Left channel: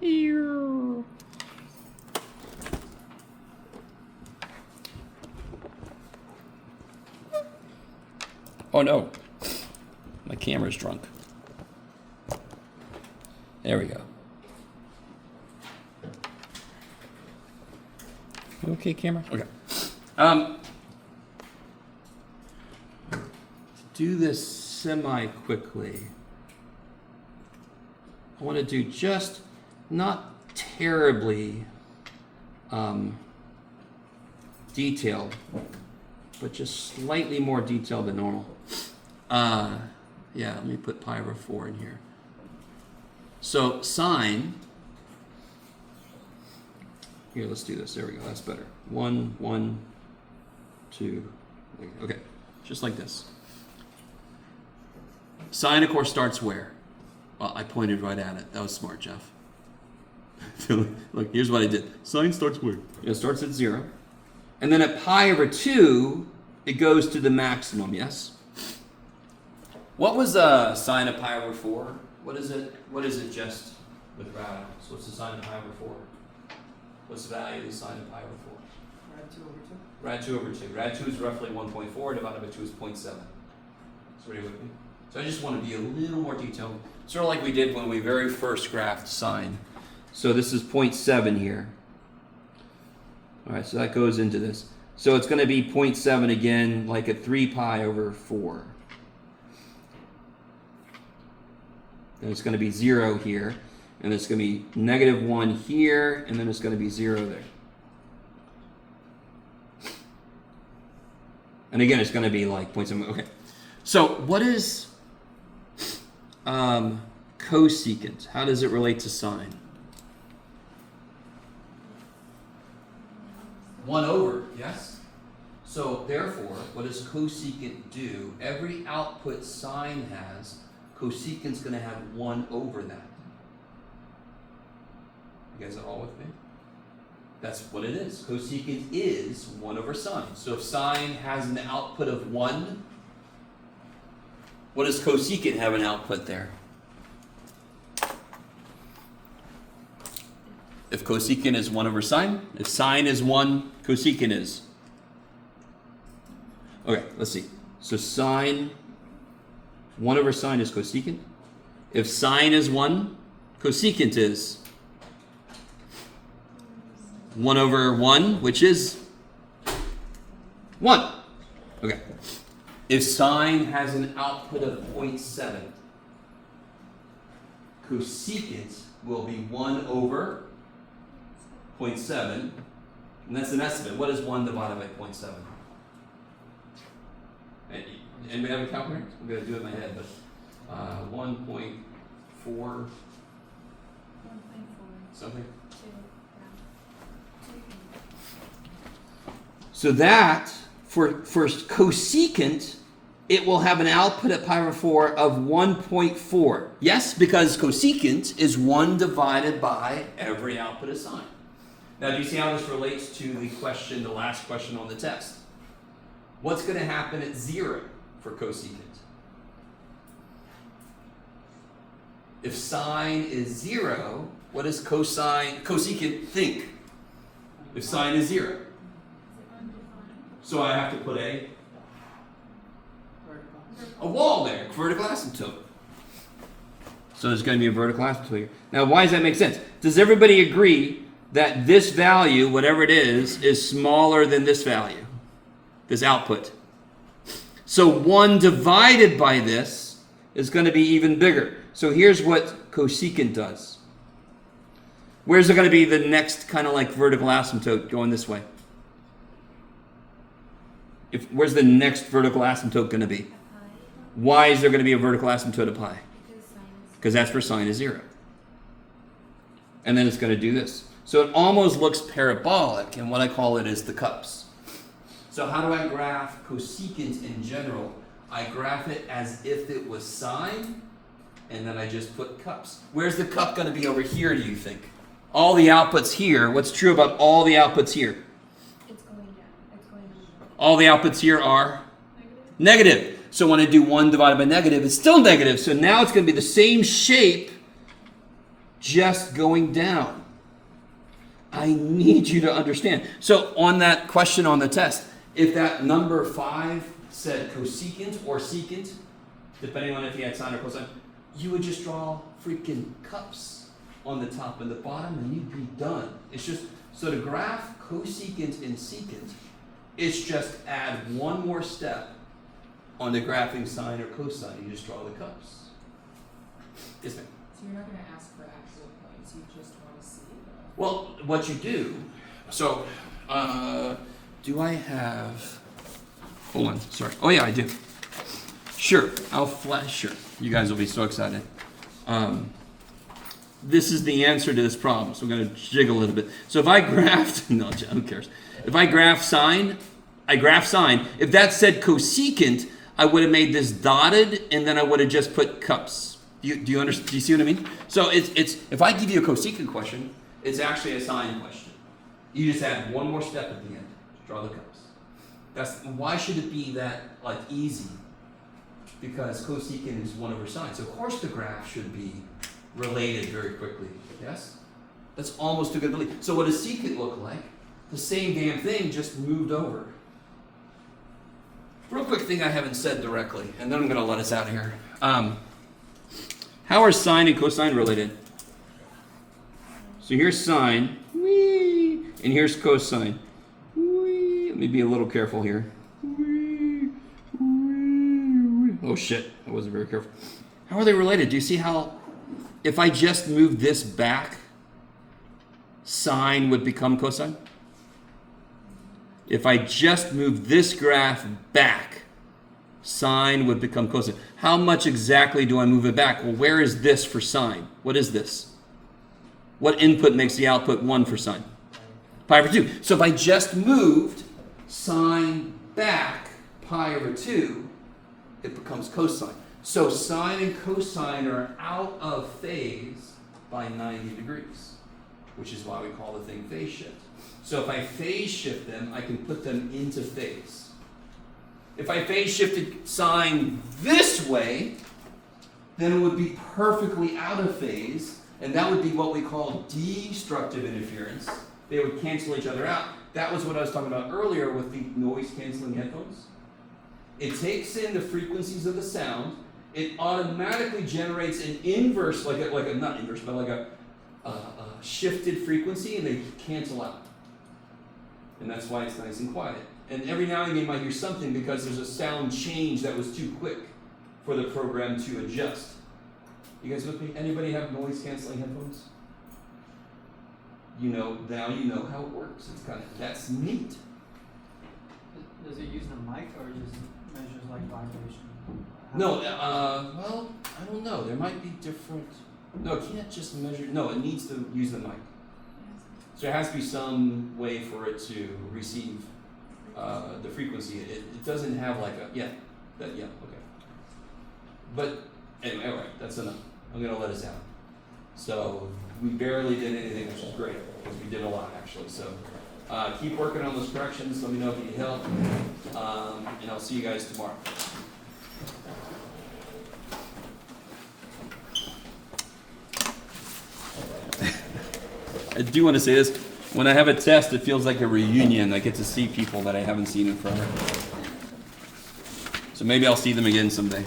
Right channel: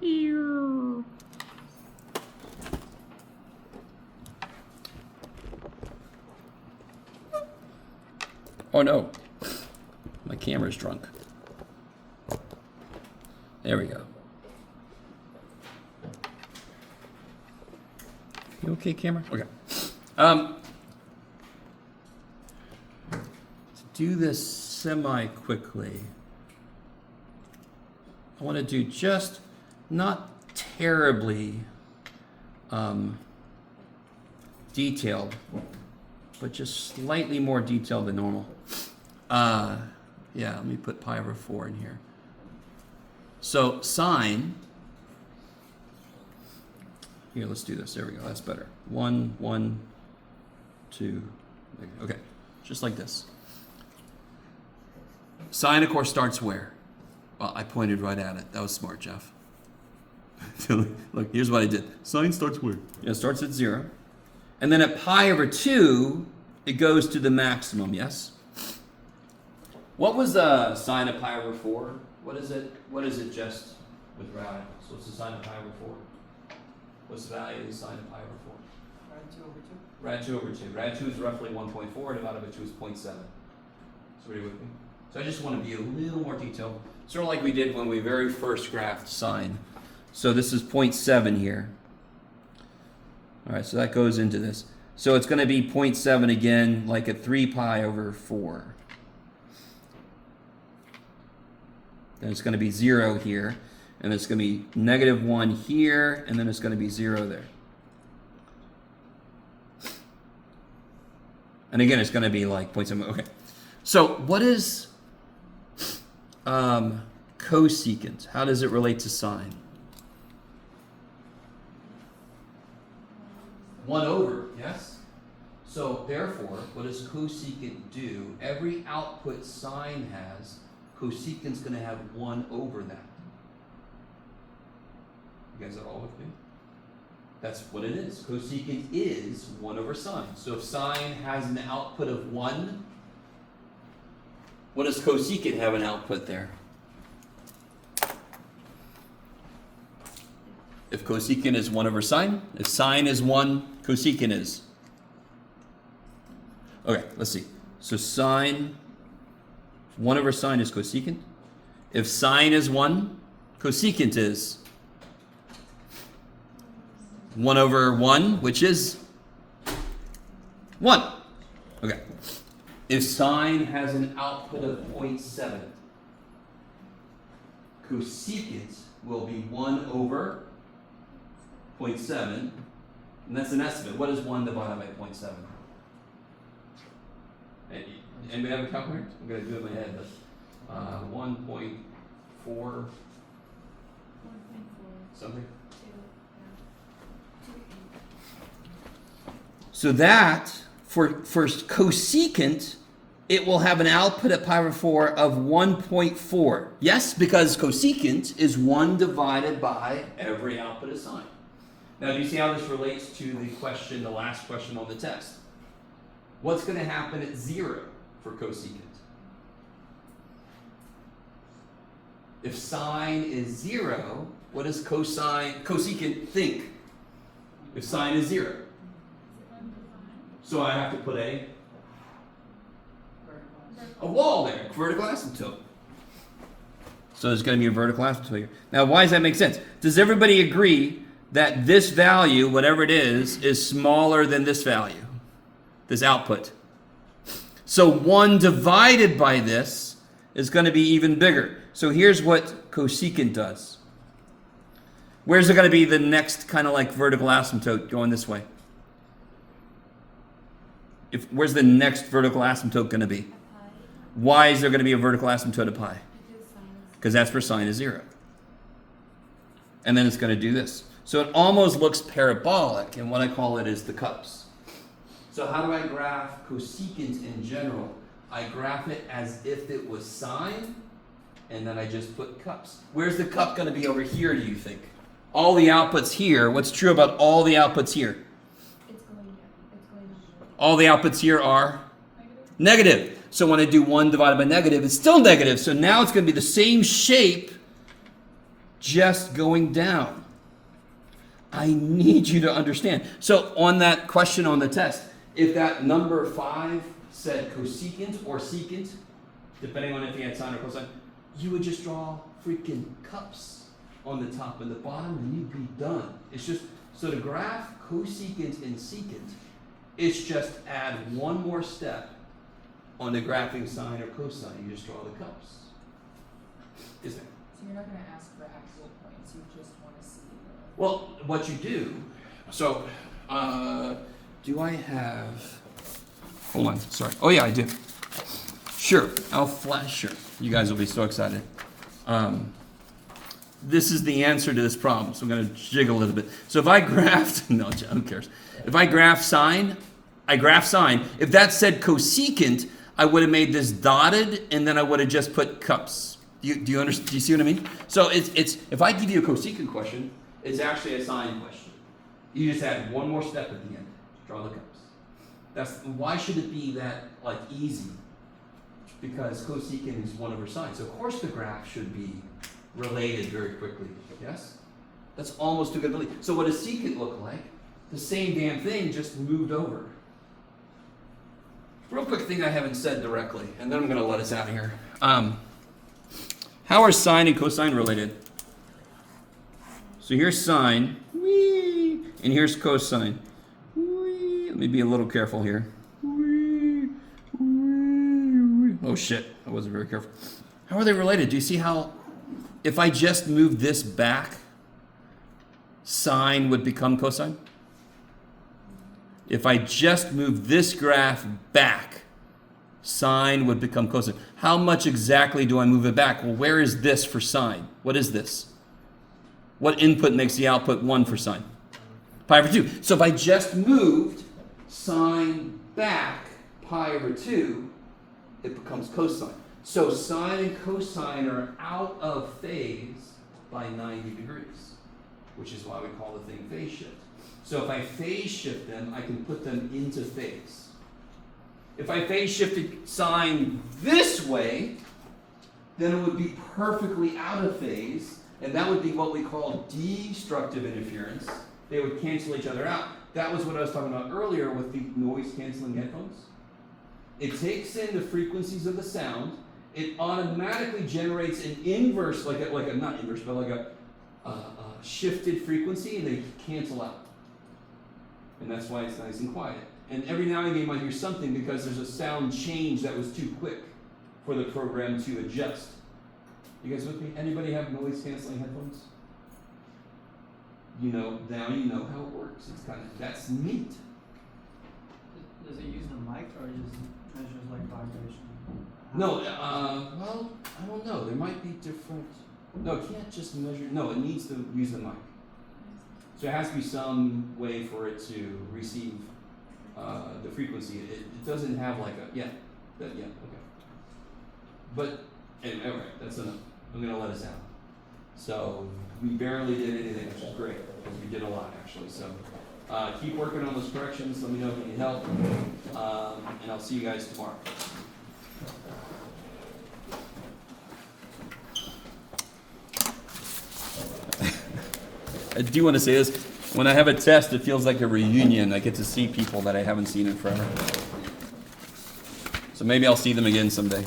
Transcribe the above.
Here. Oh no, my camera's drunk. There we go. You okay, camera? Okay. To do this semi-quickly, I want to do just not terribly detailed, but just slightly more detailed than normal. Yeah, let me put pi over 4 in here. So sine, here, let's do this. There we go, that's better. 1, 1, 2, okay, just like this. Sine, of course, starts where? Well, I pointed right at it. That was smart, Jeff. Look, here's what I did. Sine starts where? It starts at 0. And then at pi over 2, it goes to the maximum, yes? What was sine of pi over 4? What is it? What is it just with radicals? So what's the sine of pi over 4? What's the value of the sine of pi over 4? Rad 2 over 2. Rad 2 over 2. Rad 2 is roughly 1.4, divided by 2 is 0.7. So are you with me? So I just want to be a little more detailed. Sort of like we did when we very first graphed sine. So this is 0.7 here. All right, so that goes into this. So it's going to be 0.7 again, like at 3 pi over 4. Then it's going to be 0 here, and it's going to be negative 1 here, and then it's going to be 0 there. And again, it's going to be like 0.7. Okay. So what is cosecant? How does it relate to sine? 1 over, yes? So therefore, what does cosecant do? Every output sine has, cosecant's going to have 1 over that. You guys are all with me? That's what it is. Cosecant is 1 over sine. So if sine has an output of 1, what does cosecant have an output there? If cosecant is 1 over sine, if sine is 1, cosecant is. Okay, let's see. So sine, 1 over sine is cosecant. If sine is 1, cosecant is 1 over 1, which is 1. Okay. If sine has an output of 0.7, cosecant will be 1 over 0.7, and that's an estimate. What is 1 divided by 0.7? Anybody have a calculator? I'm going to do it in my head, but 1.4 something. So that, for cosecant, it will have an output at pi over 4 of 1.4. Yes, because cosecant is 1 divided by every output of sine. Now, do you see how this relates to the question, the last question on the test? What's going to happen at 0 for cosecant? If sine is 0, what does cosecant think? If sine is 0. So I have to put a wall there, vertical asymptote. So there's going to be a vertical asymptote here. Now, why does that make sense? Does everybody agree that this value, whatever it is smaller than this value, this output? So 1 divided by this is going to be even bigger. So here's what cosecant does. Where's it going to be the next kind of like vertical asymptote going this way? Where's the next vertical asymptote going to be? Why is there going to be a vertical asymptote of pi? Because that's where sine is 0. And then it's going to do this. So it almost looks parabolic, and what I call it is the cups. So how do I graph cosecant in general? I graph it as if it was sine, and then I just put cups. Where's the cup going to be over here, do you think? All the outputs here, what's true about all the outputs here? All the outputs here are negative. So when I do 1 divided by negative, it's still negative. So now it's going to be the same shape, just going down. I need you to understand. So on that question on the test, if that number 5 said cosecant or secant, depending on if you had sine or cosine, you would just draw freaking cups on the top and the bottom and you'd be done. It's just, so to graph cosecant and secant, it's just add one more step on the graphing sine or cosine. You just draw the cups. Yes, ma'am. So you're not going to ask for actual points, you just want to see them. Well, what you do, so, do I have, hold on, sorry. Oh yeah, I do. Sure, I'll flash, sure. You guys will be so excited. This is the answer to this problem, so I'm going to jiggle a little bit. So if I graphed, no, who cares? If I graph sine, if that said cosecant, I would have made this dotted, and then I would have just put cups. Do you understand? Do you see what I mean? So it's if I give you a cosecant question, it's actually a sine question. You just add one more step at the end. Draw the cups. Why should it be that like easy? Because cosecant is 1 over sine. So of course the graph should be related very quickly. Yes? That's almost too good to believe. So what does secant look like? The same damn thing, just moved over. Real quick thing I haven't said directly, and then I'm going to let us out of here. How are sine and cosine related? So here's sine, whee, and here's cosine. Whee. Let me be a little careful here. Whee, whee, whee. Oh shit, I wasn't very careful. How are they related? Do you see how, if I just move this back, sine would become cosine? If I just move this graph back, sine would become cosine. How much exactly do I move it back? Well, where is this for sine? What is this? What input makes the output 1 for sine? Pi over 2. So if I just moved sine back pi over 2, it becomes cosine. So sine and cosine are out of phase by 90 degrees, which is why we call the thing phase shift. So if I phase shift them, I can put them into phase. If I phase shifted sine this way, then it would be perfectly out of phase, and that would be what we call destructive interference. They would cancel each other out. That was what I was talking about earlier with the noise-canceling headphones. It takes in the frequencies of the sound. It automatically generates an inverse, like a not inverse, but like a shifted frequency, and they cancel out. And that's why it's nice and quiet. And every now and again you might hear something because there's a sound change that was too quick for the program to adjust. You guys with me? Anybody have noise-canceling headphones? You know, now you know how it works. It's that's neat. Does it use a mic or just measures like vibration? No, well, I don't know. There might be different. No, it can't just measure. No, it needs to use the mic. So there has to be some way for it to receive the frequency. It doesn't have like a, yeah, okay. But anyway, all right, that's enough. I'm going to let us out. So we barely did anything, which is great, because we did a lot actually. So keep working on those corrections. Let me know if you need help. And I'll see you guys tomorrow. I do want to say this. When I have a test, it feels like a reunion. I get to see people that I haven't seen in forever. So maybe I'll see them again someday.